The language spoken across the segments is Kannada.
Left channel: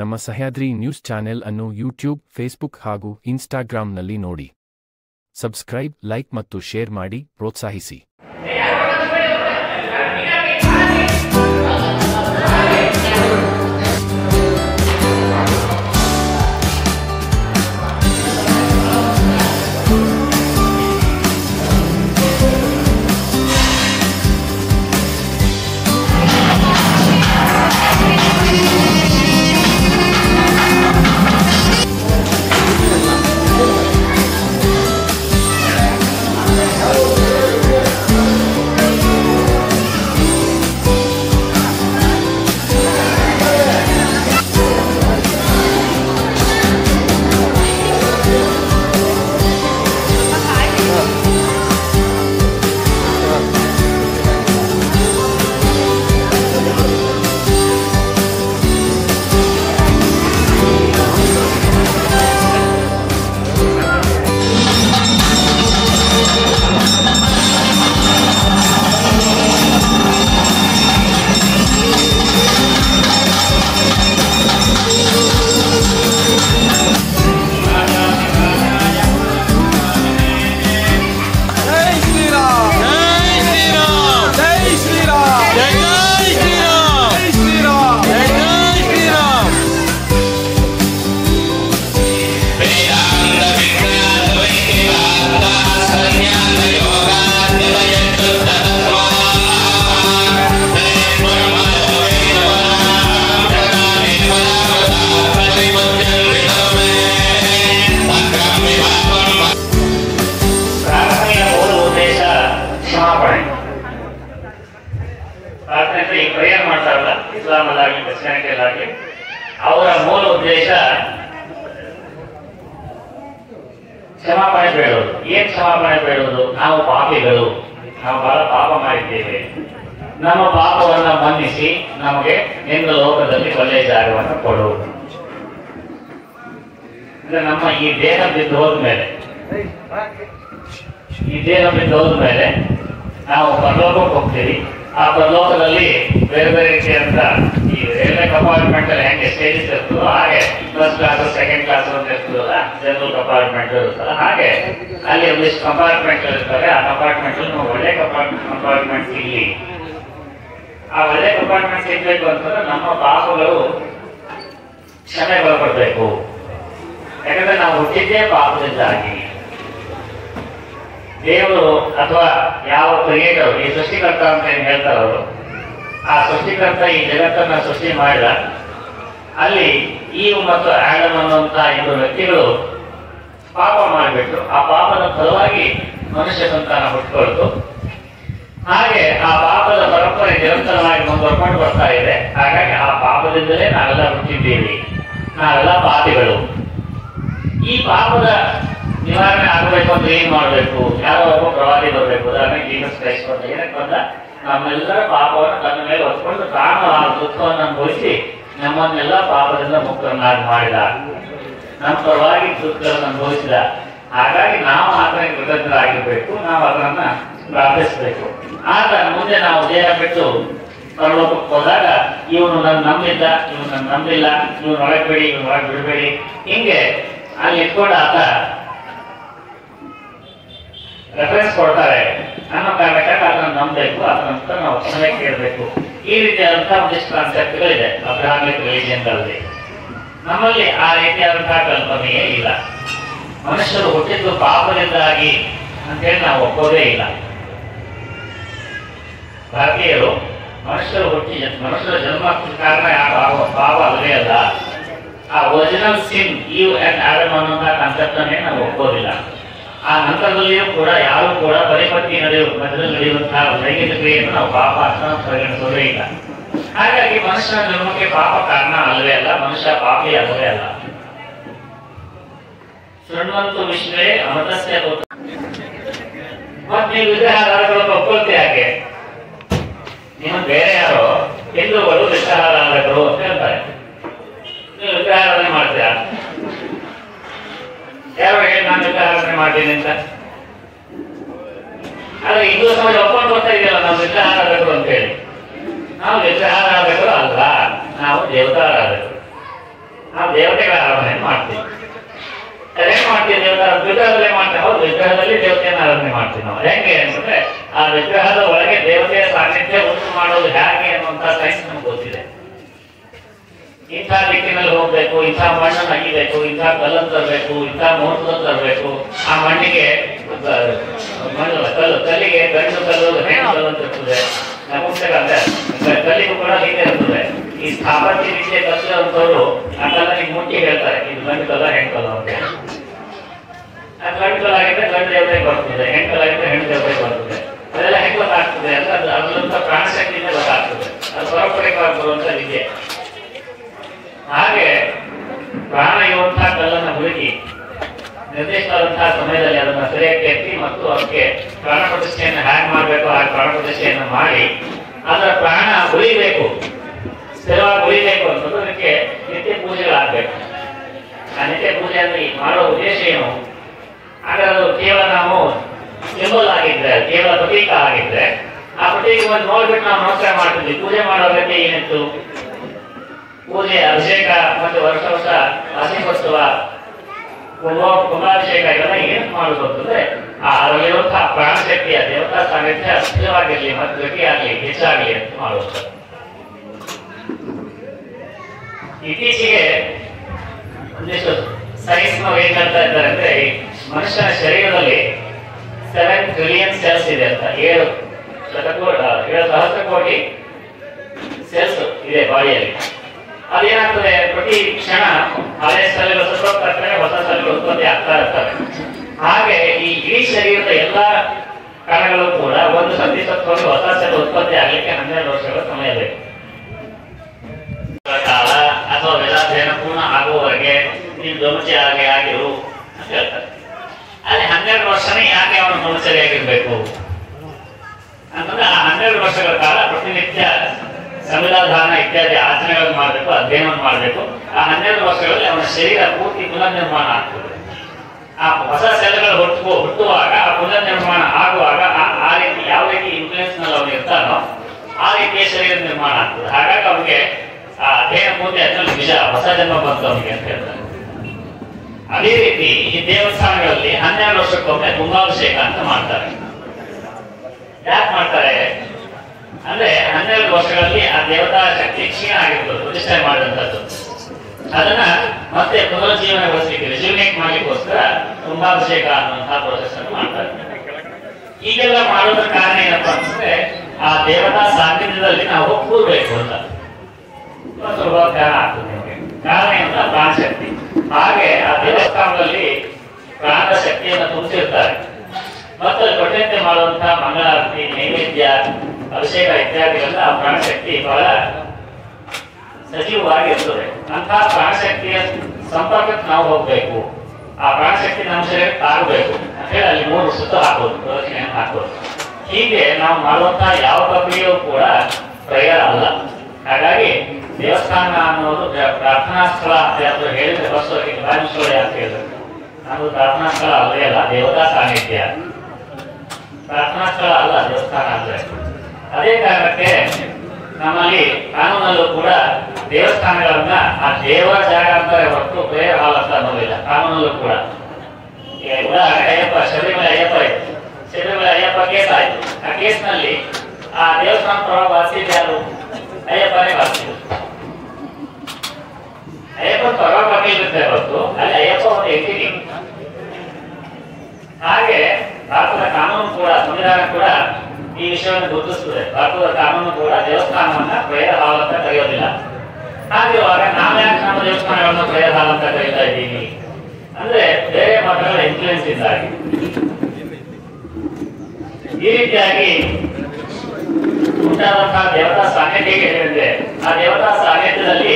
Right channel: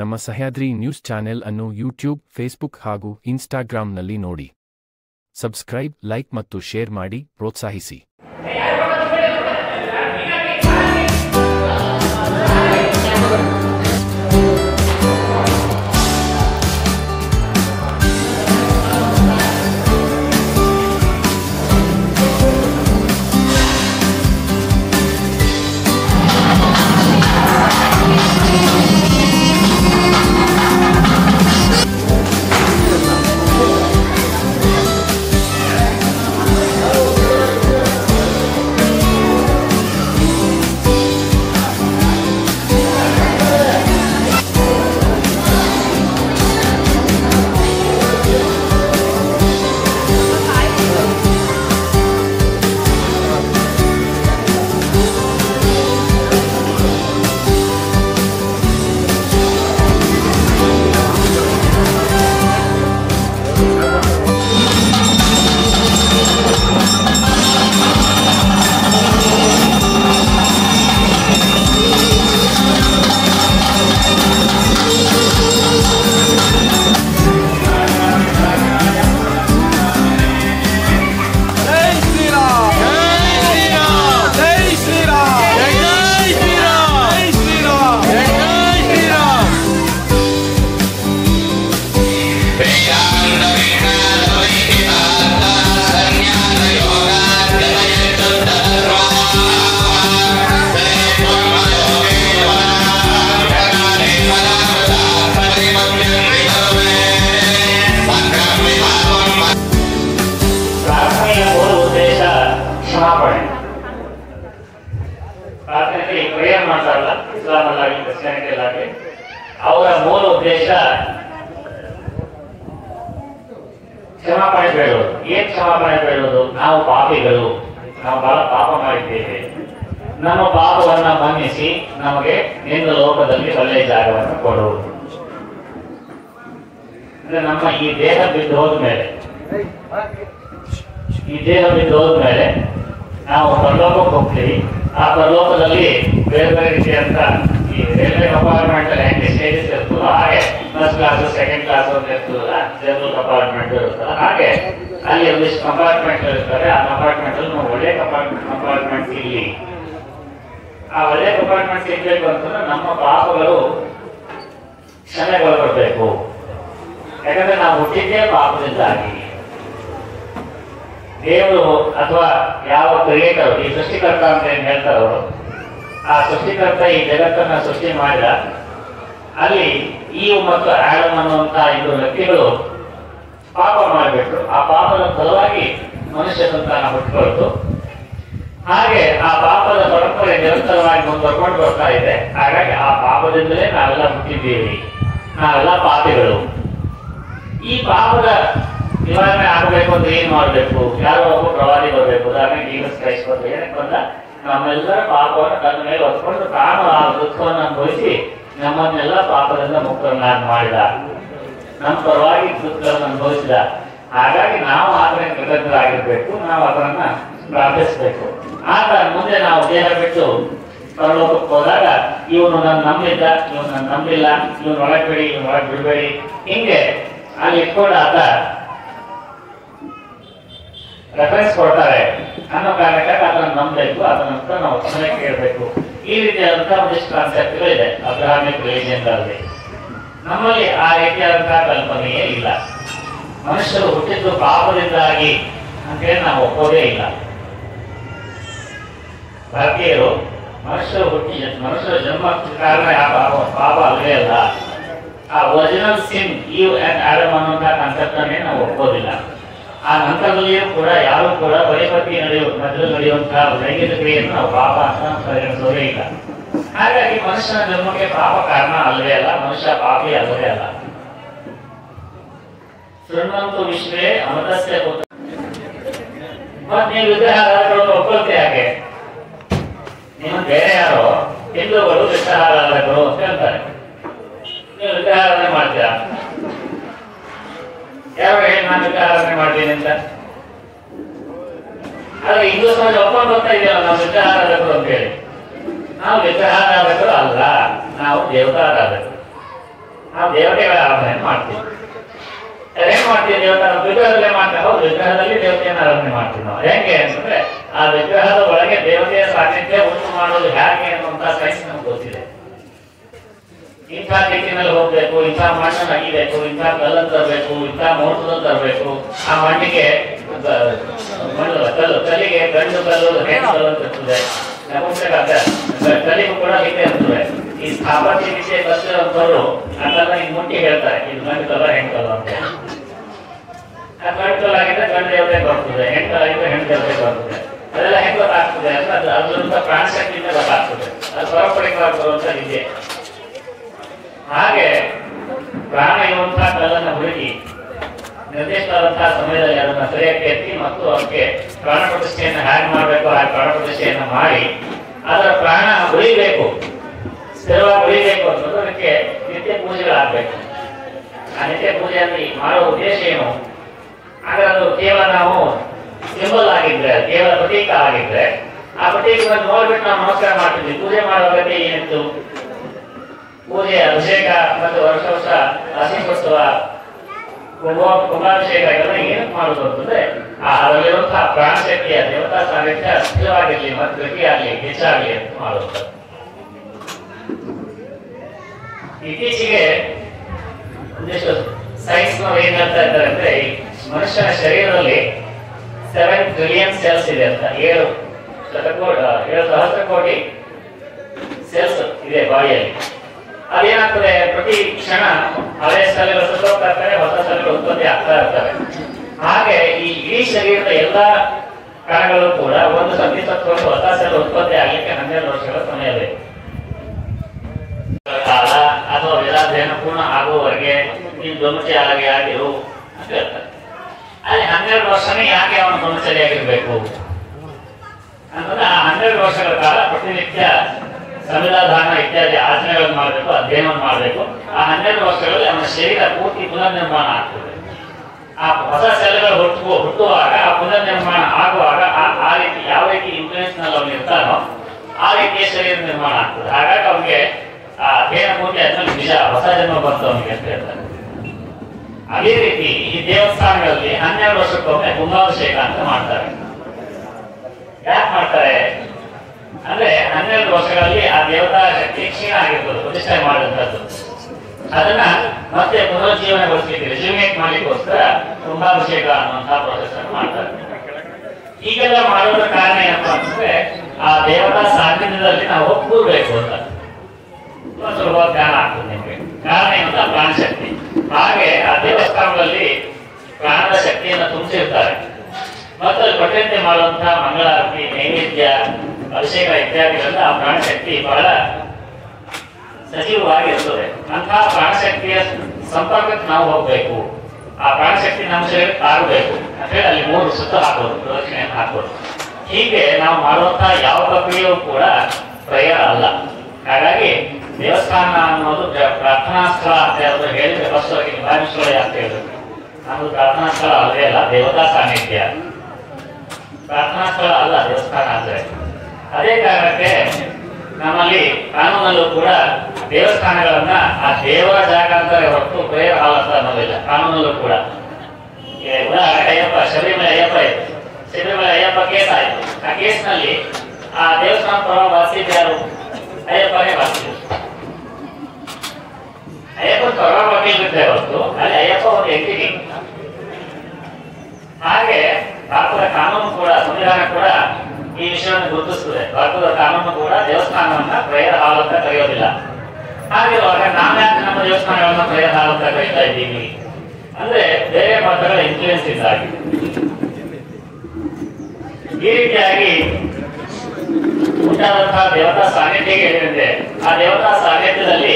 ನಮ್ಮ ಸಹ್ಯಾದ್ರಿ ನ್ಯೂಸ್ ಚಾನೆಲ್ ಅನ್ನು ಯೂಟ್ಯೂಬ್, ಫೇಸ್ಬುಕ್ ಹಾಗೂ ಇನ್ಸ್ಟಾಗ್ರಾಂನಲ್ಲಿ ನೋಡಿ. ಸಬ್ಸ್ಕ್ರೈಬ್, ಲೈಕ್ ಮತ್ತು ಶೇರ್ ಮಾಡಿ ಪ್ರೋತ್ಸಾಹಿಸಿ. ಪ್ರೇಯರ್ ಮಾಡ್ತಾರಲ್ಲ, ಇಸ್ಲಾಂ ಅಲ್ಲಾಗಲಿ ಕ್ರಿಶ್ಚಿಯಾನಿಟಿ ಅಲ್ಲಾಗಲಿ, ಅವರ ಮೂಲ ಉದ್ದೇಶ ಕ್ಷಮಾಪಣೆ ಬೇಡೋದು. ಏನ್ ಕ್ಷಮಾಪಣೆ ಬೇಡೋದು? ನಾವು ಪಾಪಿಗಳು, ನಾವು ಬಹಳ ಪಾಪ ಮಾಡಿದ್ದೇವೆ, ನಮ್ಮ ಪಾಪವನ್ನು ಮನ್ನಿಸಿ ನಮಗೆ ನಿನ್ನ ಲೋಕದಲ್ಲಿ ಒಳ್ಳೆಯ ಜಾಗವನ್ನು ಕೊಡು. ಅಂದ್ರೆ ನಮ್ಮ ಈ ದೇಹ ಬಿದ್ದು ಹೋದ್ಮೇಲೆ ನಾವು ಪರಲೋಕಕ್ಕೆ ಹೋಗ್ತೀವಿ. ಆ ಪರಲೋಕದಲ್ಲಿ ಬೇರೆ ಬೇರೆ ರೀತಿಯಂತ ಈ ರೈಲ್ವೆ ಕಂಪಾರ್ಟ್ಮೆಂಟ್ ಅಲ್ಲಿ ಹೆಂಗೆ ಸ್ಟೇಜಸ್ ಇರ್ತದೋ ಹಾಗೆ ಫಸ್ಟ್ ಕ್ಲಾಸ್, ಸೆಕೆಂಡ್ ಕ್ಲಾಸ್ ಅಂತ ಇರ್ತದಲ್ಲ, ಜನರಲ್ ಕಂಪಾರ್ಟ್ಮೆಂಟ್ ಇರುತ್ತಲ್ಲ, ಹಾಗೆ ಅಲ್ಲಿ ಒಂದಿಷ್ಟು ಕಂಪಾರ್ಟ್ಮೆಂಟ್ ಇರ್ತಾರೆ. ಆ ಕಂಪಾರ್ಟ್ಮೆಂಟ್ ನಾವು ಒಳ್ಳೆ ಕಂಪಾರ್ಟ್ಮೆಂಟ್ ಇಲ್ಲಿ. ಆ ಒಳ್ಳೆ ಕಂಪಾರ್ಟ್ಮೆಂಟ್ ಸಿಗ್ಬೇಕು ಅಂತಂದ್ರೆ ನಮ್ಮ ಪಾಪಗಳು ಕ್ಷಮೆಗೊಳಪಡಬೇಕು. ಯಾಕಂದ್ರೆ ನಾವು ಹುಟ್ಟಿದ್ದೇ ಪಾಪದಿಂದಾಗಿ. ದೇವರು ಅಥವಾ ಯಾವ ಕ್ರಿಯೇಟರ್, ಈ ಸೃಷ್ಟಿಕರ್ತ ಅಂತ ಏನ್ ಹೇಳ್ತಾರೆ ಅವರು, ಆ ಸೃಷ್ಟಿಕರ್ತ ಈ ಜಗತ್ತನ್ನ ಸೃಷ್ಟಿ ಮಾಡಿದ. ಅಲ್ಲಿ ಈವ್ ಮತ್ತು ಆಡಮ್ ಅನ್ನುವಂತ ಇಬ್ಬರು ವ್ಯಕ್ತಿಗಳು ಪಾಪ ಮಾಡಿಬಿಟ್ಟು ಆ ಪಾಪದ ಫಲವಾಗಿ ಮನುಷ್ಯ ಸಂತಾನ ಹುಟ್ಟುಕೊಳ್ತು. ಹಾಗೆ ಆ ಪಾಪದ ಪರಂಪರೆ ನಿರಂತರವಾಗಿ ಮುಂದುವರ್ಕೊಂಡು ಬರ್ತಾ ಇದೆ. ಹಾಗಾಗಿ ಆ ಪಾಪದಿಂದಲೇ ನಾವೆಲ್ಲ ಹುಟ್ಟಿದ್ದೀವಿ, ನಾವೆಲ್ಲ ಪಾಪಿಗಳು. ಈ ಪಾಪದ ನಿವಾರಣೆ ಆಗಬೇಕು ಅಂದ್ರೆ ಏನ್ ಮಾಡ್ಬೇಕು? ಯಾರೋ ಒಬ್ಬ ಪ್ರವಾದಿ ಬರ್ಬೇಕು. ಉದಾಹರಣೆಗೆ ಜೀಸಸ್ ಕ್ರೈಸ್ಟ್ ಬಂದ. ಏನಕ್ಕೆ ಬಂದ? ನಮ್ಮೆಲ್ಲರ ಪಾಪವನ್ನು ತನ್ನ ಮೇಲೆ ಹೊತ್ಕೊಂಡು ತಾನು ಆ ದುಃಖವನ್ನು ಅನುಭವಿಸಿ ನಮ್ಮನ್ನೆಲ್ಲ ಪಾಪದಿಂದ ಮುಕ್ತರನ್ನಾಗಿ ಮಾಡಿದ, ನಮ್ಮ ಪರವಾಗಿ ದುಃಖಗಳನ್ನು ಅನುಭವಿಸಿದ. ಹಾಗಾಗಿ ನಾವು ಆತನಿಗೆ ಕೃತಜ್ಞರಾಗಿರ್ಬೇಕು, ನಾವು ಅದನ್ನ ಪ್ರಾರ್ಥಿಸಬೇಕು. ಆಗ ಮುಂದೆ ನಾವು ದೇಹ ಬಿಟ್ಟು ಪರಲೋಕಕ್ಕೆ ಹೋದಾಗ ಇವನು ನನ್ನ ನಂಬಿದ್ದ, ಇವನು ನನ್ನ ನಂಬಿಲ್ಲ, ಇವನು ಒಳಗೆ ಬಿಡಿ, ಇವನು ಒಳಗೆ ಬಿಡಬೇಡಿ, ಹಿಂಗೆ ಅಲ್ಲಿ ಇಟ್ಕೊಂಡು ಆತ ರೆಫರೆನ್ಸ್ ಕೊಡ್ತಾರೆ ಅನ್ನೋ ಕಾರಣಕ್ಕಾಗಿ ಅದನ್ನು ನಂಬಬೇಕು, ಅದನ್ನ ನಾವು ಕ್ಷಮೆ ಕೇಳಬೇಕು. ಈ ರೀತಿಯಾದಂತಹ ಒಂದಿಷ್ಟು ಕಾನ್ಸೆಪ್ಟ್ಗಳಿದೆ ಅಬ್ರಾಹ್ಮಿಕ್ ರಿಲಿಜಿಯನ್ ಅಲ್ಲಿ. ನಮ್ಮಲ್ಲಿ ಆ ರೀತಿಯಾದಂತಹ ಕಲ್ಪನೆಯೇ ಇಲ್ಲ. ಮನುಷ್ಯರು ಹುಟ್ಟಿದ್ದು ಪಾಪದಿಂದಾಗಿ ಅಂತೇಳಿ ನಾವು ಒಪ್ಪೋದೇ ಇಲ್ಲ. ಭಾರತೀಯರು ಮನುಷ್ಯರ ಜನ್ಮಕ್ಕೆ ಕಾರಣ ಪಾಪ ಅಲ್ಲವೇ ಅಲ್ಲ. ಆ original sin Eve and Adam ಅನ್ನುವಂತಹ ಕಾನ್ಸೆಪ್ಟ್ ಅನ್ನೇ ನಾವು ಒಪ್ಪೋದಿಲ್ಲ. ಆ ನಂತರದಲ್ಲಿಯೂ ಕೂಡ ಯಾರು ಕೂಡ ಬರಿಪತ್ತಿ ನಡೆಯುವಂತಹ ಲೈಂಗಿಕ ಕ್ರಿಯೆಯನ್ನು ನಾವು ಪಾಪ ಅಂತ ಪರಿಗಣಿಸೋದೇ ಇಲ್ಲ. ಹಾಗಾಗಿ ಮನುಷ್ಯನ ಜನ್ಮಕ್ಕೆ ಪಾಪ ಕಾರಣ ಅಲ್ಲವೇ ಅಲ್ಲ, ಮನುಷ್ಯ ಪಾಪಿ ಅಲ್ಲವೇ ಅಲ್ಲ. ಶೃಣ್ವಂತು ವಿಶ್ವೇ ಅಮೃತಸ್ಯ ಕುತ. ಮತ್ ನೀವು ವಿಗ್ರಹಾರಾಧಕರನ್ನು ಒಪ್ಪುತ್ತೆ ಯಾಕೆ? ನೀವು ಬೇರೆ ಯಾರೋ ಹಿಂದೂಗಳು ವಿಗ್ರಹಾರಾಧಕರು ಅಂತ ಹೇಳ್ತಾರೆ. ನೀವು ವಿಗ್ರಹಾರಾಧನೆ ಮಾಡ್ತೀರಾ? ಯಾರು ಹೇಳಿ ನಾನು ವಿಗ್ರಹಾರಾಧನೆ ಮಾಡ್ತೀನಿ ಅಂತ? ಆದ್ರೆ ಹಿಂದೂ ಸಮಾಜ ಒಪ್ಕೊಂಡು ಬರ್ತಾ ಇದೆಯಲ್ಲ ನಾವು ವಿಗ್ರಹಾರಾಧಕರು ಅಂತ ಹೇಳಿ. ನಾವು ವಿಗ್ರಹಾರಾಧಕರು ಅಲ್ಲ, ನಾವು ದೇವತಾರಾಧಕರು. ನಾವು ದೇವತೆಗಳ ಆರಾಧನೆ ಮಾಡ್ತೀವಿ. ಹೆಂಗ್ ಮಾಡ್ತೀವಿ? ದೇವತಾ ವಿಗ್ರಹದಲ್ಲೇ ಮಾಡ್ತೀವಿ. ಹೌದು, ವಿಗ್ರಹದಲ್ಲಿ ದೇವತೆಯನ್ನು ಆರಾಧನೆ ಮಾಡ್ತೀವಿ ನಾವು. ಹೆಂಗೆ ಅಂತಂದ್ರೆ ಆ ವಿಗ್ರಹದ ಒಳಗೆ ದೇವತೆಯ ಸಾನ್ನಿಧ್ಯ ಉಂಟು ಮಾಡೋದು ಹೇಗೆ ಅನ್ನುವಂತ ಸೈನ್ಸ್ ನಮ್ಗೆ ಗೊತ್ತಿದೆ. ಇಂಥ ದಿಕ್ಕಿನಲ್ಲಿ ಹೋಗ್ಬೇಕು, ಇಂಥ ಮಣ್ಣನ್ನು ಅಗಿಬೇಕು, ಇಂಥ ಕಲ್ಲನ್ನು ತರಬೇಕು, ಇಂಥ ಮೋಟವನ್ನು ತರಬೇಕು. ಆ ಮಣ್ಣಿಗೆ ಕಲ್ಲಿಗೆ ಗಂಡು ಕಲ್ಲು ಹೆಣ್ಣು ಕಲ್ಲು ಅಂತ ಇರ್ತದೆ. ಕಲ್ಲಿಗೂ ಕೂಡ ಹೀಗೆ ಇರ್ತದೆ. ಈ ಸ್ಥಾಪತ್ಯ ವಿಷಯ ಕಲಿಸಿರುವಂತವ್ರು ಆ ಕಲ್ಲನಿಗೆ ಮುಟ್ಟಿ ಹೇಳ್ತಾರೆ, ಇದು ಗಂಡು ಕಲ್ಲ ಹೆಣ್ಣು ಕಲ್ಲು ಅಂತ. ಆ ಗಂಡು ಕಲ್ಲು ಆಗಿದ್ರೆ ಗಂಡು ದೇವತೆಗೆ ಬರ್ತದೆ, ಹೆಣ್ಣು ಕಲ್ಲು ಆಗಿದ್ರೆ ಹೆಣ್ಣು ದೇವತೆಗೆ ಬರ್ತದೆ. ಅದೆಲ್ಲ ಹೆಂಗ್ ಗೊತ್ತಾಗ್ತದೆ ಅಂದ್ರೆ ಅದರಿಂದ ಪ್ರಾಣಶಕ್ತಿಯಿಂದ ಗೊತ್ತಾಗ್ತದೆ. ಅದು ಹೊರಪಡಿಕವಾಗಿ ಬರುವಂತ ವಿದ್ಯೆ. ಹಾಗೆ ಪ್ರಾಣ ಇರುವಂತಹ ಕಲ್ಲನ್ನು ಹುಡುಕಿ ನಿರ್ದಿಷ್ಟವಾದಂತಹ ಸಮಯದಲ್ಲಿ ಅದನ್ನು ಸರಿಯಾಗಿ ಎತ್ತಿ ಮತ್ತು ಅದಕ್ಕೆ ಪ್ರಾಣ ಪ್ರತಿಷ್ಠೆಯನ್ನು ಹೇಗೆ ಮಾಡಬೇಕು ಹಾಗೆ ಪ್ರಾಣ ಪ್ರತಿಷ್ಠೆಯನ್ನು ಮಾಡಿ ಅದರ ಪ್ರಾಣ ಉಳಿಬೇಕು, ಸ್ಥಿರವಾಗಿ ಉಳಿಬೇಕು ಅಂತಂದ್ರೆ ಅದಕ್ಕೆ ನಿತ್ಯ ಪೂಜೆಗಳಾಗಬೇಕು. ಆ ನಿತ್ಯ ಪೂಜೆಯನ್ನು ಮಾಡುವ ಉದ್ದೇಶ ಏನು? ಹಾಗಾದ್ರೆ ಅದು ಕೇವಲ ನಾವು ಸಿಂಬಲ್ ಆಗಿದ್ರೆ, ಕೇವಲ ಪ್ರತೀಕ ಆಗಿದ್ರೆ ಆ ಪ್ರತೀಕವನ್ನು ನೋಡ್ಬಿಟ್ಟು ನಾವು ನಮಸ್ಕಾರ ಮಾಡ್ತಿದ್ವಿ. ಪೂಜೆ ಮಾಡೋ ಬಗ್ಗೆ ಏನಿತ್ತು? ಪೂಜೆ, ಅಭಿಷೇಕ ಮತ್ತು ವರ್ಷ ವಾರ್ಷಿಕೋತ್ಸವ, ಕುಂಭಾಭಿಷೇಕ ಇವೆಲ್ಲ ಏನಕ್ಕೆ ಮಾಡುವುದು ಅಂತಂದ್ರೆ ಅದರಲ್ಲಿರುವಂತಹ ಪ್ರಾಣಶಕ್ತಿಯ ದೇವತಾ ಸಾನ್ನಿಧ್ಯ ಸ್ಥಿರವಾಗಿರ್ಲಿ ಮತ್ತು ಗಟ್ಟಿಯಾಗಲಿ ಹೆಚ್ಚಾಗಲಿ ಅಂತ ಮಾಡುವುದು. ಇತ್ತೀಚೆಗೆ ಒಂದಿಷ್ಟು ಸೈನ್ಸ್ ನಾವು ಏನ್ ಹೇಳ್ತಾ ಇದ್ದಾರೆ ಅಂದ್ರೆ ಮನುಷ್ಯನ ಶರೀರದಲ್ಲಿ 7 ಟ್ರಿಲಿಯನ್ ಸೆಲ್ಸ್ ಇದೆ ಅಂತ. 7 ಸಹಸ್ರ ಕೋಟಿ ಸೆಲ್ಸ್ ಇದೆ ಬಾಡಿಯಲ್ಲಿ. ಅದೇನಾಗ್ತದೆ? ಪ್ರತಿ ಕ್ಷಣ ಹಳೆ ಸೆಲ್ಗಳು ಸತ್ತೋಗ್ತಾ ಇರ್ತವೆ, ಹೊಸ ಸೆಲ್ಗಳು ಉತ್ಪತ್ತಿ ಆಗ್ತಾ ಇರ್ತವೆ. ಹಾಗೆ ಈ ಇಡೀ ಶರೀರದ ಎಲ್ಲಾ ಕಣಗಳು ಕೂಡ ಒಂದು ಸತಿ ಸತ್ಕೊಂಡು ಹೊಸ ಸೆಲ್ ಉತ್ಪತ್ತಿ ಆಗ್ಲಿಕ್ಕೆ 12 ವರ್ಷಗಳ ಸಮಯ ಬೇಕು. ಕಾಲ ಅಥವಾ ವೇದಾಧ್ಯಯನ ಪೂರ್ಣ ಆಗುವವರೆಗೆ ನೀನು ಬ್ರಹ್ಮಚಾರಿ ಆಗಿರು ಅಂತ ಹೇಳ್ತಾರೆ. ಅಲ್ಲಿ 12 ವರ್ಷನೇ ಯಾಕೆ ಅವನು ಬ್ರಹ್ಮಚಾರಿ ಆಗಿರ್ಬೇಕು ಅಂತಂದ್ರೆ ಆ 12 ವರ್ಷಗಳ ಕಾಲ ಪ್ರತಿನಿತ್ಯ ಸಂವಿಧಾನ ಇತ್ಯಾದಿ ಆಚರಣೆಗಳನ್ನು ಮಾಡಬೇಕು, ಅಧ್ಯಯನವನ್ನು ಮಾಡಬೇಕು. ಆ 12 ವರ್ಷಗಳಲ್ಲಿ ಅವನ ಶರೀರ ಪೂರ್ತಿ ಪುನರ್ನಿರ್ಮಾಣ ಆಗ್ತದೆ. ಆ ಹೊಸ ಸೆಲ್ಗಳು ಹುಟ್ಟುವಾಗ ಆ ಪುನರ್ನಿರ್ಮಾಣ ಆಗುವಾಗ ಆ ರೀತಿ ಯಾವ ರೀತಿ ಇನ್ಫ್ಲೂಯೆನ್ಸ್ ನಲ್ಲಿ ಅವನು ಇರ್ತಾನೋ ಆ ರೀತಿಯ ಶರೀರ ನಿರ್ಮಾಣ ಆಗ್ತದೆ. ಹಾಗಾಗಿ ಅವನಿಗೆ ಆ ಅಧ್ಯಯನ ಪೂರ್ತಿ ಅದ್ರಲ್ಲಿ ನಿಜ ಹೊಸ ಜನ್ಮ ಬಂತು ಅವನಿಗೆ ಅಂತ ಹೇಳ್ತಾರೆ. ಅದೇ ರೀತಿ ಈ ದೇವಸ್ಥಾನಗಳಲ್ಲಿ 12 ವರ್ಷಕ್ಕೊಮ್ಮೆ ಕುಂಭಾಭಿಷೇಕ ಅಂತ ಮಾಡ್ತಾರೆ. ಯಾಕೆ ಮಾಡ್ತಾರೆ ಅಂದ್ರೆ 12 ವರ್ಷಗಳಲ್ಲಿ ಆ ದೇವತಾ ಶಕ್ತಿ ಕ್ಷೀಣ ಆಗಿರ್ಬೋದು, ಪ್ರತಿಷ್ಠೆ ಮಾಡಿದಂತದ್ದು. ಅದನ್ನ ಮತ್ತೆ ಪುನರುಜ್ಜೀವನಗೊಳಿಸಲಿಕ್ಕೆ ರಿಜ್ಯುನೇಟ್ ಮಾಡ್ಲಿಕ್ಕೋಸ್ಕರ ಕುಂಭಾಭಿಷೇಕ ಅನ್ನುವಂತಹ ಪ್ರೋಸೆಸ್ ಅನ್ನು ಮಾಡ್ತಾರೆ. ಈಗೆಲ್ಲ ಮಾಡೋದ್ರ ಕಾರಣ ಏನಪ್ಪಾ ಅಂತಂದ್ರೆ ಆ ದೇವತಾ ಸಾನ್ನಿಧ್ಯದಲ್ಲಿ ನಾವು ಕೂರ್ಬೇಕು ಅಂತ ಸುಲಭ ಜ್ಞಾನ ಆಗ್ತದೆ ನಿಮಗೆ. ಕಾರಣ ಏನಂತ ಪ್ರಾಣಶಕ್ತಿ. ಹಾಗೆ ಆ ದೇವಸ್ಥಾನದಲ್ಲಿ ಪ್ರಾಣದ ಶಕ್ತಿಯನ್ನು ತುಂಬಿಸಿರ್ತಾರೆ. ಮತ್ತೆ ಕೊಟ್ಟಂತೆ ಮಾಡುವಂತಹ ಮಂಗಳಾರತಿ, ನೈವೇದ್ಯ, ಅಭಿಷೇಕ ಇತ್ಯಾದಿಗಳೆಲ್ಲ ಆ ಪ್ರಾಣಶಕ್ತಿ ಬಹಳ ಸಜೀವವಾಗಿ ಇರ್ತದೆ. ಅಂತಹ ಪ್ರಾಣಶಕ್ತಿಯ ಸಂಪರ್ಕಕ್ಕೆ ನಾವು ಹೋಗ್ಬೇಕು. ಆ ಪ್ರಾಣಶಕ್ತಿ ನಮ್ಮ ಶರೀರಕ್ಕೆ ಆಗಬೇಕು ಅಂತ ಹೇಳಿ ಅಲ್ಲಿ 3 ಸುತ್ತು ಹಾಕೋದು, ಪ್ರದಕ್ಷಿಣೆಯನ್ನು ಹಾಕೋದು. ಹೀಗೆ ನಾವು ಮಾಡುವಂತಹ ಯಾವ ಪ್ರಕ್ರಿಯೆಯೂ ಕೂಡ ಪ್ರೇಯರ್ ಅಲ್ಲ. ಹಾಗಾಗಿ ದೇವಸ್ಥಾನ ಅನ್ನೋದು ಪ್ರಾರ್ಥನಾ ಸ್ಥಳ ಅಂತ ಯಾರು ಹೇಳಿದ್ರೆ ಬಸ್ಸೋಗಿ ಬಾಯಿಸ್ಕೊಳ್ಳಿ ಅಂತ ಹೇಳ್ಬೇಕು. ನಮ್ಮದು ಪ್ರಾರ್ಥನಾ ಸ್ಥಳ ಅಲ್ಲೇ ಅಲ್ಲ, ದೇವತಾ ಸಾನ್ನಿಧ್ಯ. ಪ್ರಾರ್ಥನಾ ಸ್ಥಳ ಅಲ್ಲ ದೇವಸ್ಥಾನ ಅಂದ್ರೆ. ಅದೇ ಕಾರಣಕ್ಕೆ ನಮ್ಮಲ್ಲಿ ಕಾನೂನಲ್ಲೂ ಕೂಡ ದೇವಸ್ಥಾನಗಳನ್ನ ಆ ದೇವರ ಜಾಗ ಅಂತಾರೆ ಹೊರತು ಪ್ರೇಯರ್ ಹಾಲ್ ಅಂತ ಅನ್ನೋದಿಲ್ಲ. ಕಾನೂನಲ್ಲೂ ಕೂಡ ಉದಾಹರಣೆ ಅಯ್ಯಪ್ಪ, ಶಬರಿಮಲೆ ಅಯ್ಯಪ್ಪ ಇದೆ. ಶಬರಿಮಲೆ ಅಯ್ಯಪ್ಪ ಕೇಸ್ ಆಯ್ತು. ಆ ಕೇಸ್ನಲ್ಲಿ ಆ ದೇವಸ್ಥಾನ ಪ್ರಭಾವ ವಾಸಿಸಿದ ಯಾರು? ಅಯ್ಯಪ್ಪನೇ ವಾಸಿಸಿದ್ರು. ಅಯ್ಯಪ್ಪ ಪ್ರಭಾವ ವಕೀಲಿರುತ್ತೆ ಹೊರತು ಅಲ್ಲಿ ಅಯ್ಯಪ್ಪ ಒಂದು ಎಂಟಿಟಿ. ಹಾಗೆ ಭಾರತದ ಕಾನೂನು ಕೂಡ, ಸಂವಿಧಾನ ಕೂಡ ಈ ವಿಷಯವನ್ನು ಗುರುತಿಸುತ್ತದೆ. ಭಾರತದ ಕಾನೂನು ಕೂಡ ದೇವಸ್ಥಾನವನ್ನ ಪ್ರೇಯರ್ ಹಾಲ್ ಅಂತ ಕರೆಯೋದಿಲ್ಲ. ಹಾಗಿರುವಾಗ ನಾವ್ಯಾಕೆ ನಮ್ಮ ದೇವಸ್ಥಾನಗಳನ್ನ ಪ್ರೇಯರ್ ಹಾಲ್ ಅಂತ ಕರೀತಾ ಇದ್ದೀವಿ ಅಂದ್ರೆ ಬೇರೆ ಮತಗಳ ಇನ್ಫ್ಲೂಯೆನ್ಸ್ ಇಂದಾಗಿ. ಈ ರೀತಿಯಾಗಿ ಉಂಟಾದಂತಹ ದೇವತಾ ಸಾನ್ನಿಧ್ಯ ಏನಿದೆ, ಆ ದೇವತಾ ಸಾನ್ನಿಧ್ಯದಲ್ಲಿ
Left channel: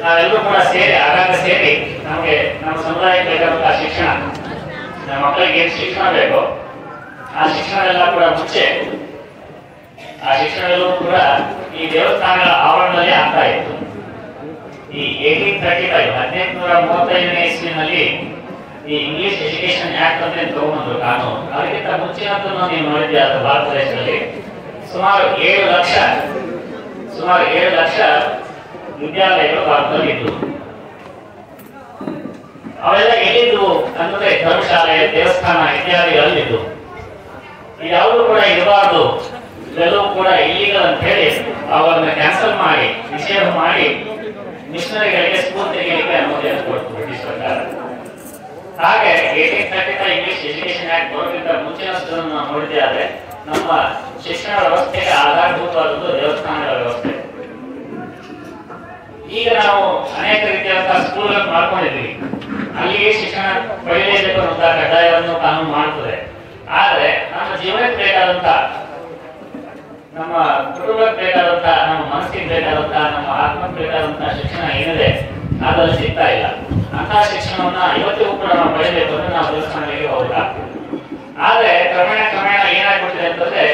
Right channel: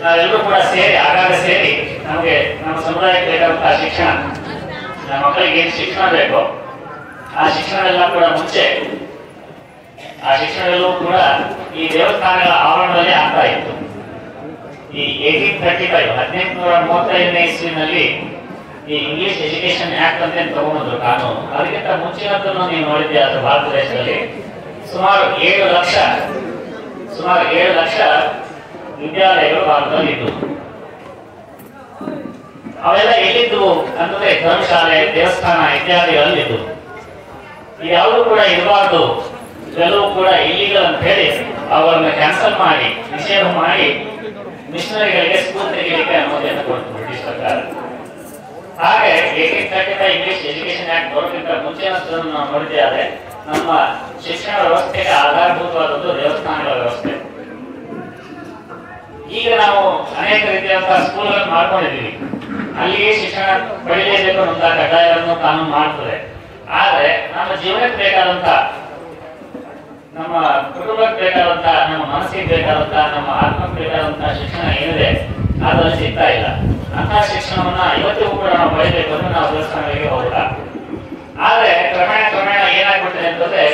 ನಾವೆಲ್ಲರೂ ಕೂಡ ಸೇರಿ ಆಗಾಗ ಸೇರಿ ನಮಗೆ ನಮ್ಮ ಸಮುದಾಯಕ್ಕೆ ಬೇಕಾದಂತಹ ಶಿಕ್ಷಣ, ನಮ್ಮ ಮಕ್ಕಳಿಗೆ ಏನು ಶಿಕ್ಷಣ ಬೇಕೋ ಆ ಶಿಕ್ಷಣವೆಲ್ಲ ಕೂಡ ಮುಂಚೆ ಆ ಶಿಕ್ಷಣದಲ್ಲೂ ಕೂಡ ಈ ದೇವಸ್ಥಾನಗಳ ಆವರಣದಲ್ಲಿ ಆಗ್ತಾ ಇತ್ತು. ಈ 1835 1835ನೇ ಇಸ್ವಿನಲ್ಲಿ ಈ ಇಂಗ್ಲಿಷ್ ಎಜುಕೇಶನ್ ಆಕ್ಟ್ ಅಂತ ತಗೊಂಡ್ರು ಕಾನೂನು. ಅದಕ್ಕಿಂತ ಮುಂಚಿನದನ್ನು ನೀವು ನೋಡಿದ್ದೆ ಭಾರತ ದೇಶದಲ್ಲಿ ಸುಮಾರು 7 ಲಕ್ಷ ವಿದ್ಯಾಲಯಗಳು ಭಾರತದಲ್ಲಿ ಇದ್ದವು. ಅವೆಲ್ಲ ಎಲ್ಲಿದ್ದವು ಅಂದ್ರೆ ಧರ್ಮಶಾಲೆ, ದೇವಸ್ಥಾನ ಇತ್ಯಾದಿಗಳಲ್ಲಿದ್ದು. ಯಾವುದು ಕೂಡ ಇರಬಾರ್ದು, ಇವೆಲ್ಲವೂ ಕೂಡ ಇಲ್ಲಿಗಲ್ ಅಂತ ಹೇಳಿ ಅವರನ್ನ ಕ್ಯಾನ್ಸಲ್ ಮಾಡಿ, ನಿಷೇಧ ಮಾಡಿ ಮಿಷನರಿಗಳಿಗೆ ಸ್ಕೂಲ್ ತೆಗೆಯಲಿಕ್ಕೆ ಅನುಮತಿಯನ್ನು ಕೊಡ್ತು ಬ್ರಿಟಿಷ್ ಸರ್ಕಾರ. ಹಾಗೆ 1835 ಇಂಗ್ಲಿಷ್ ಎಜುಕೇಶನ್ ಆಕ್ಟ್ ಬರೋಕ್ಕಿಂತ ಮುಂಚಿನ ನಾವು ನೋಡಿದ್ದೆ. ಆದ್ರೆ ನಮ್ಮ ಶಿಕ್ಷಣ ವ್ಯವಸ್ಥೆಗೆ ಆಧಾರಭೂತವಾದದ್ದು ದೇವಸ್ಥಾನಗಳ ವ್ಯವಸ್ಥೆ. ಈಗ ನಾವು ಅನೇಕ ರೀತಿಯಾದಂತಹ ಸ್ಕೂಲ್ ಮಾಡ್ಕೊಂಡಿದ್ದೀವಿ, ಅಲ್ಲಿಗೆ ಶಿಕ್ಷಣ ಪಡೆಯಲೇಬೇಕು ಅನ್ನುವಂತಹ ಕಡ್ಡಾಯವನ್ನು ಕಾನೂನು ಮಾಡ್ತದೆ. ಆದ್ರೆ ನಮ್ಮ ಜೀವನಕ್ಕೆ ಬೇಕಾದಂತ, ನಮ್ಮ ಕುಟುಂಬಕ್ಕೆ ಬೇಕಾದಂತ, ನಮ್ಮ ಮನಸ್ಸಿಗೆ ಬೇಕಾದಂತ, ನಮ್ಮ ಆತ್ಮಕ್ಕೆ ಬೇಕಾದಂತಹ ಶಿಕ್ಷಣ ಏನಿದೆ ಅದರಲ್ಲಿ ಸಿಗ್ತಾ ಇಲ್ಲ. ಅಂತಹ ಶಿಕ್ಷಣವನ್ನ ಇವತ್ತಿಗೂ ಕೂಡ ನಾವು ಪಡೆಯಬೇಕು ಅಂದ್ರೆ ನಾವು ದೇವಸ್ಥಾನಗಳಿಗೆ ಹೋಗಲ್ಲ. ಆದ್ರೆ ಕ್ರಮೇಣ ಏನಾಗ್ಬಿಟ್ಟಿದೆ ಅಂತಂದ್ರೆ,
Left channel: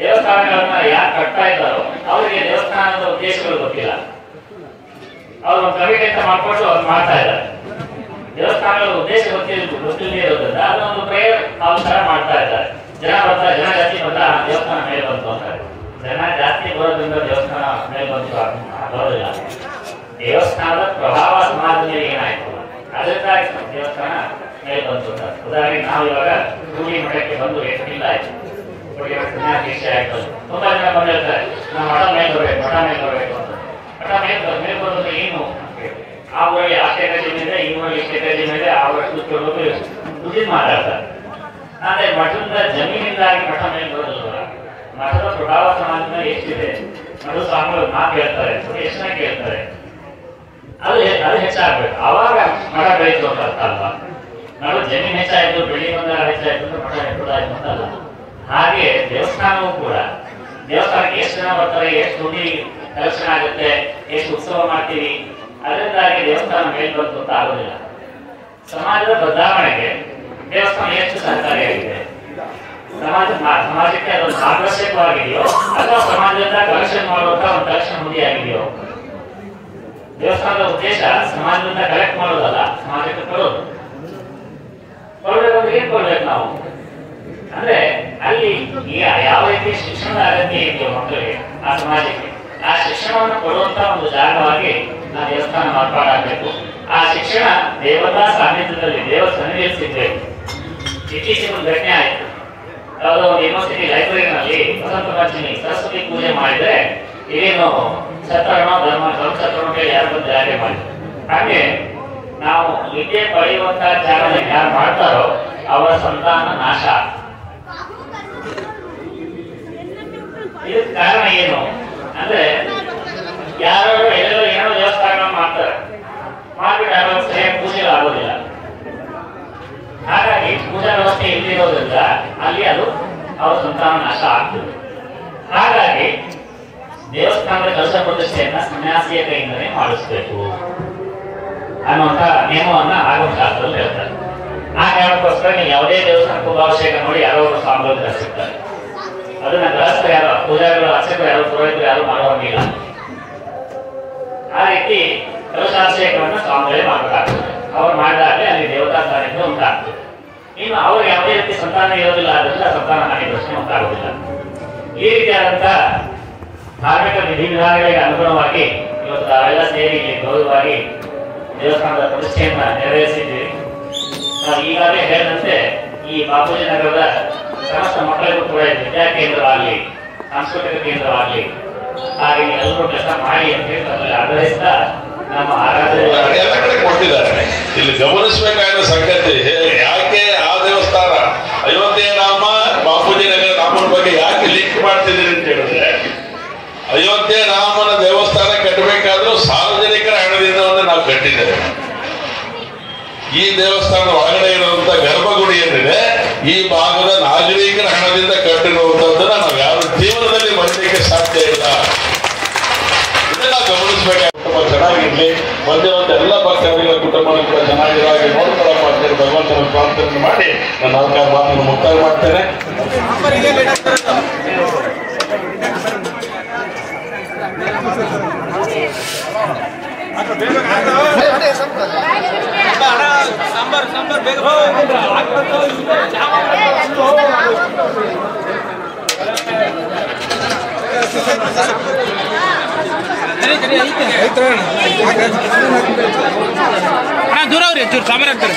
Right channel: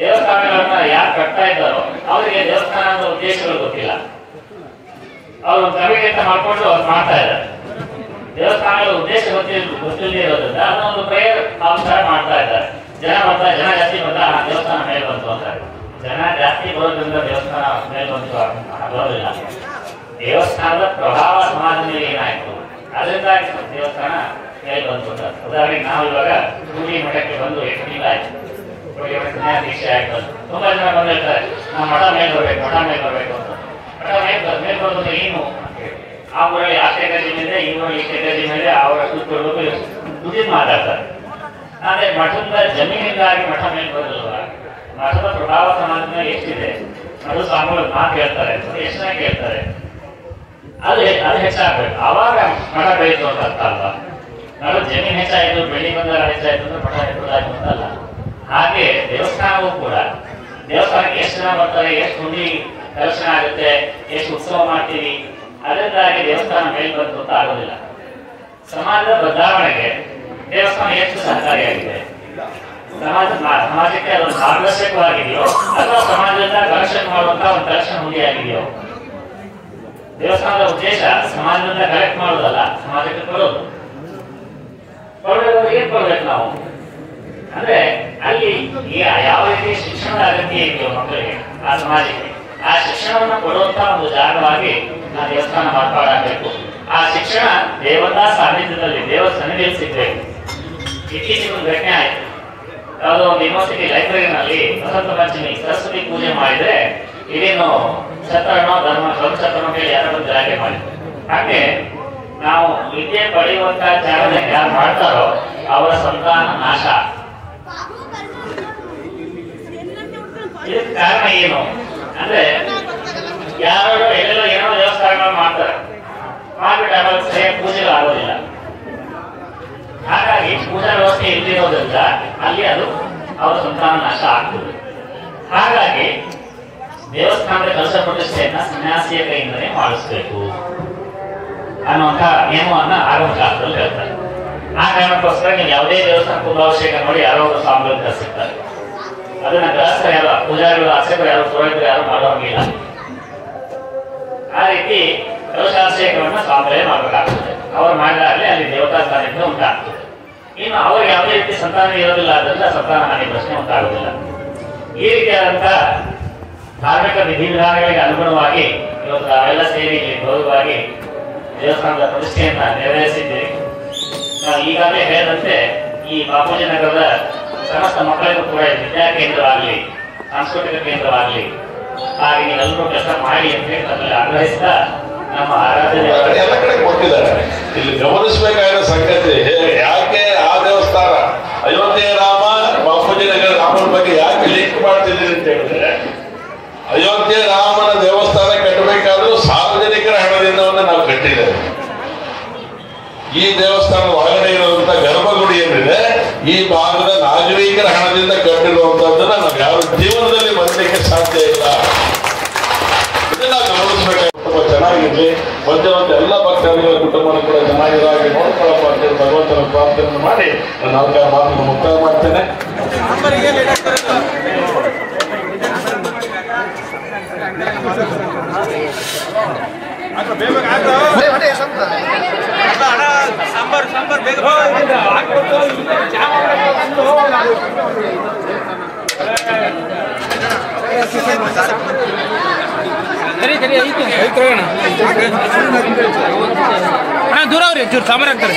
ದೇವಸ್ಥಾನಗಳನ್ನ ಯಾರು ಕಟ್ತಾ ಇದ್ದಾರೋ ಅವರಿಗೆ ದೇವಸ್ಥಾನದ ಉದ್ದೇಶಗಳು ಗೊತ್ತಿಲ್ಲ. ಅವರು ಕಮಿಟಿ ಅಂತ ಮಾಡ್ಕೊಂಡು ಅವ್ರು ಮಾಡ್ತಾ ಇದ್ದಾರೆ. ದೇವಸ್ಥಾನಗಳ ಉದ್ದೇಶ ಗೊತ್ತಿಲ್ಲದೆ ಇರೋದ್ರಿಂದ ಅದೊಂದು ಪ್ರೇಯರ್ ಹಾಲ್ ತರ ಮಾಡ್ತಾ ಇದ್ದಾರೆ. ಜನ ಜಾಸ್ತಿ ಬರ್ತಾ ದೇವಸ್ಥಾನ ಮೇಲೆ ಬಂತು ಅಂತಾರೆ. ಜನ ಜಾಸ್ತಿ ಬರೋದ್ರಿಂದ ದೇವಸ್ಥಾನ ಮೇಲೆ ಬಂತು ಬರೋದಿಲ್ಲ. ದೇವಸ್ಥಾನದ ಪ್ರಭಾವ ಸಮಾಜದ ಮೇಲೆ ಏನಾಯ್ತು, ಅದರಿಂದ ದೇವಸ್ಥಾನ ಮೇಲೆ ಬಂತು ಅಂತ. ಉದಾಹರಣೆಗೆ ನಾವು ಇವಾಗ ರೂಢಿ ಮಠಕ್ಕೆ ಬಂದು ಎಷ್ಟು ತಿಂಗಳ ಆಯ್ತು, ದೀಕ್ಷೆ ಆಯ್ತು. ತುಂಬಾ ಜನ ಬಂದಿರ್ತಾರೆ, ನಾವು ಮಠ ಮೇಲೆ ಬರ್ಬೇಕು ಅಂತ. ಮಠ ಮೇಲೆ ಬರೋದು ಏನು ಅಂತ ಹೇಳಿ ಆ ಊರಲ್ಲಿ ಆ ಸ್ಟೇಟಜಿ ಮೇಲೆ, ಈ ಊರಲ್ಲಿ ಸ್ಟೇಟಜಿ ಮೇಲೆ ಅವರಷ್ಟು ಕೊಡಬೇಕು ದುಡ್ಡಿನ ಮಾತಾಡ್ತಾರೆ. ಆದ್ರೆ ಮಠದ ಜಮೀನಿಂದಾಗಿ ಮಠ ಮೇಲೆ ಬರೋದಿಲ್ವ? ಮಠದ ಪ್ರಭಾವ ಸಮಾಜದ ಮೇಲೆ ಎಷ್ಟಿದೆ? ಮಠ ಸ್ವಾಮಿಗಳು ಮಾತು ಹೇಳ್ತಾರೆ, ಎಷ್ಟು ಜನ ಕೇಳ್ತಾರೆ, ಅದು ಹೆಚ್ಚಾಗ್ಬೇಕು. ಅವಾಗ ಮಠ ಬೆಳೀತು ಅಂತ ಅರ್ಥ ಅಲ್ವಾ? ನಾವು ಜಮೀನ್ ಹೆಚ್ಚಾಯ್ತು, ಬೆಳಿ ಬಂದ ಹೆಚ್ಚಾಯ್ತು ಅಂದ್ರೆ ಮಠ ಹೆಚ್ಚಾಯ್ತು ಅಂತ ಅಲ್ಲ. ಹಾಗೆ ದೇವಸ್ಥಾನವೂ ಕೂಡ, ದೇವಸ್ಥಾನಕ್ಕೆ ಎಷ್ಟು ಜನ ಬರ್ತಾರೆ, ಎಷ್ಟು ಹುಡಿ ಕಲೆಕ್ಷನ್ ಆಗುತ್ತೆ, ಎಷ್ಟು ಉತ್ಸವ ಮಾಡ್ತೀವಿ, ಅದರಿಂದಾಗಿ ದೇವಸ್ಥಾನ ಮೇಲೆ ಬಂತು ಅಂತ ಆಗೋದಿಲ್ಲ. ಸಮಾಜದ ಬದಲಾವಣೆಗೆ ದೇವಸ್ಥಾನ ಎಷ್ಟು ಸಹಕಾರಿಯಾಗಿದೆ? ಸಮಾಜಕ್ಕೆ ಅದೊಂದು ಮಾರ್ಗದರ್ಶಕವಾಗಿದೆಯೋ ಅಥವಾ ಸಮಾಜದಿಂದ ಕಲೆಕ್ಷನ್ ಮಾಡುವಂತ ಒಂದು ಕಲೆಕ್ಷನ್ ಹುಡಿ ಆಗಿದೆಯೋ? ದೇವಸ್ಥಾನದ ಉದ್ದೇಶ ಸಮಾಜದಿಂದ ಕಲೆಕ್ಟ್ ಮಾಡೋದಲ್ಲ, ಸಮಾಜಕ್ಕೆ ಕೊಡೋದು. ಏನ್ ಕೊಡ್ಬೇಕು ನಾವು ಅಂದ್ರೆ, ಅಲ್ಲಿ ಯಾವ ರೀತಿ ಶಿಕ್ಷಣದ ಅಗತ್ಯ ಇದೆಯೋ ಮಕ್ಕಳಿಗೆ, ಆ ಸಮಾಜಕ್ಕೆ ಆ ಶಿಕ್ಷಣವನ್ನು ಕೊಡುವಂತ ಒಂದು ಜಾಗವಾಗಿ ನಾವು ದೇವಸ್ಥಾನ ಮಾರ್ಪಾಡಾಗಬೇಕು. ಆ ಶಿಕ್ಷಣ ದೇವತಾ ಸಾನ್ನಿಧ್ಯದಲ್ಲಿ, ದೇವ ಸನ್ನಿಧಿಯಲ್ಲಿ ಸಿಗ್ಬೇಕು. ಇತ್ತೀಚೆಗೆ ಒಂದು ಘಟನೆ ಆಯ್ತು. ಯಾವುದೋ ಒಂದು ಯೂನಿವರ್ಸಿಟಿ ಲೈಬ್ರರಿನಲ್ಲಿ ವಸಂತ ಪಂಚಮಿ ಸರಸ್ವತಿ ಪೂಜೆ ಮಾಡಿದ್ರೆ ಇದೇನು ಛತ್ರನೋ ಧರ್ಮಛತ್ರ ಯಾರು ಜಾರಿ ಮಾಡಿದ್ರು. ಹಾಗೆ ನಾವು ವಿದ್ಯೆ ಪಡೆಯುವಂತಹ ಜಾಗದಲ್ಲಿ ಯಾರು ಮಾಡ್ತಾರೋ ಅವರ ಸಂತಾನ ನಾಶ. ಇದಕ್ಕೆ ಕಾರಣ ಏನು ಅಂದ್ರೆ, ಯಾರೋ ಎಲ್ಲರೂ ಏನೋ ದೇವಸ್ಥಾನಗಳನ್ನು ಮಾಡ್ತಾರೆ, ಮಾಡ್ಬಿಟ್ಟು ಅವಾಗ ಸರಿಯಾಗಿ ಪೂಜೆ ಆಗೋದಿಲ್ಲ. ಹಾಗಾಗಿ ಪೂಜಾ ವ್ಯವಸ್ಥೆ ಇಲ್ಲಿರೋದ್ರಿಂದ ಅಲ್ಲಿ ಅದು ಅವರ ಸಂತಾನ ನಾಶ ಆಗ್ತದೆ. ಹಾಗಾಗಿ ದೇವಸ್ಥಾನದ ಕಲಶ ಪ್ರತಿಷ್ಠೆಯನ್ನ ಸನ್ಯಾಸಿಯ ಕೈಯಿಂದಲೇ ಮಾಡಿಸ್ಬೇಕು ಅನ್ನುವಂತಹ ನಿಯಮವನ್ನ ಆಗಮಶಾಸ್ತ್ರದಲ್ಲಿ ಹೇಳ್ತಾರೆ. ಆ ಕಾರಣಕ್ಕೋಸ್ಕರ ನೀವು ಯಾವುದೇ ದೇವಸ್ಥಾನ ಕುಂಭಾಭಿಷೇಕ ನೋಡಿ ಯಾರೋ ಒಬ್ಬರು ಸ್ವಾಮಿಗಳು ಸಿಗ್ತಾರೆ. ಅದನ್ನ ಗೃಹಸ್ಥ ಯಾರು, ಪೂಜಾರಿಗಳು, ಅರ್ಚಕರು ಯಾರು, ಪುರೋಹಿತರು ಯಾರು ಮಾಡೋಂಗಿಲ್ಲ. ಆ ರೀತಿ ಕಲಶಾಭಿಷೇಕವನ್ನು ಸ್ವಾಮಿಗಳೇ ಮಾಡಬೇಕಾಗ್ತದೆ. ಅವರು ಮಾಡಿದಾಗಲೇ ಅಲ್ಲಿ ದೇವತಾ ಸಾನ್ನಿಧ್ಯ ಉಂಟಾಗ್ತದೆ. ಇನ್ನು ಅವರು ಯಾವುದೇ ರೀತಿ ಸಂತಾನ ಇರೋದಿಲ್ಲ, ಆದ್ರಿಂದ ಸಂತಾನ ಹಾನಿ ಪ್ರಶ್ನೆ ಉಂಟಾಗುವುದಿಲ್ಲ. ಈ ರೀತಿಯಾದಂತ ಧಾರ್ಮಿಕ ವಿಧಿವಿಧಾನಗಳಿಗೆ ಅನುಗುಣವಾಗಿ ಇವತ್ತು ನಾವೆಲ್ಲ ಸೇರಿ ಗೌರವವಾಗಿ ದೇವಸ್ಥಾನದ ಪ್ರತಿಷ್ಠೆಯನ್ನ ನೆರವೇರಿಸಿದ್ದೀವಿ. ನಾವು ಈಗಾಗಲೇ ಹೇಳಿದಂತೆ ಈ ಬಾಪೂಜಿ ನಗರದ ಸಮಸ್ತ ಮಕ್ಕಳಿಗೂ ಕೂಡ ವಿದ್ಯಾ ಕೇಂದ್ರವಾಗಲಿ, ಸಾಂಸ್ಕೃತಿಕ ಕೇಂದ್ರವಾಗಲಿ, ಹಾಗೆ ನೀವೆಲ್ಲರೂ ಕೆಲಸ ಮಾಡಿ ಅಂತ ಹೇಳಿ ಅದರಲ್ಲಿ ಆಗ್ರಹಿಸ್ತಾ ನಮ್ಮ ಆರಾಧ್ಯ ಕೊಟ್ಟಿದ್ದಾರೆ. ಇಲ್ಲಿ ಗಮನಿಸಬೇಕಾದ ಸಂಗತಿ, ಯಾಕೆ ಆ ದೇವಸ್ಥಾನ ಅಯೋಧ್ಯೆ ರಾಮ ಬಾಪೂಜಿ ನಗರ ರಾಮನ ಬಗ್ಗೆ ಯಾಕೆ ಲಿಂಕ್ ಮಾಡ್ತಿದ್ದೀರಿ ಅಂತ ಹೇಳಿದ್ರೆ, ಅಯೋಧ್ಯೆ ರಾಮನ ದೇವಸ್ಥಾನ ಕಟ್ಟಬೇಕಾದ್ರೂ ಸಾರ್ವಜನಿಕರ ಹಣದಿಂದ ನಾವು ಕಟ್ಟಿದ್ದೇವೆ. ಈ ದೇವಸ್ಥಾನ ಒಳಗಡೆ ಇರುವಂತ ಗರ್ಭಗುಡಿ ಏನಿದೆ ಈ ಭಾಗದ ನಾಗರಿಕರ ಹಣದಿಂದ ಕಟ್ಟಿರುವಂತದ್ದನ್ನ ನಾವು ಯಾವ ಜೀವನದಲ್ಲಿ ಮಾಡಲಿಕ್ಕೆ ಸಾಧ್ಯ ಇಲ್ಲ. ಇದನ್ನ ಗಮನಿಸಬೇಕಾಗಿ ತುಂಬಾ ಚೆನ್ನಾಗಿರ್ಲಿ. ಒಂದೇ ಎಲ್ಲ ಭಕ್ತಾದಿಗಳ ಕುಟುಂಬ ಕೂಡ ಚೆನ್ನಾಗಿರಾಗಿ ನೋಡ್ಕೊಳ್ಳಪ್ಪ ಅಂತೇಳಿ ಭಗವಂತನ ಪ್ರಾರ್ಥನೆ ಮಾಡಿ ನನ್ನ ಅವಕಾಶ ಮಾತನ್ನು ಮುಕ್ತಾಯ ಮಾಡ್ತೇನೆ. ಸಾಂಬಾರ್ ಬೇಗ ದೂರ ಅವ್ರಿ ಚೂರು ಸಾಂಬಾರು ಹಾಕ್ತಾರೆ.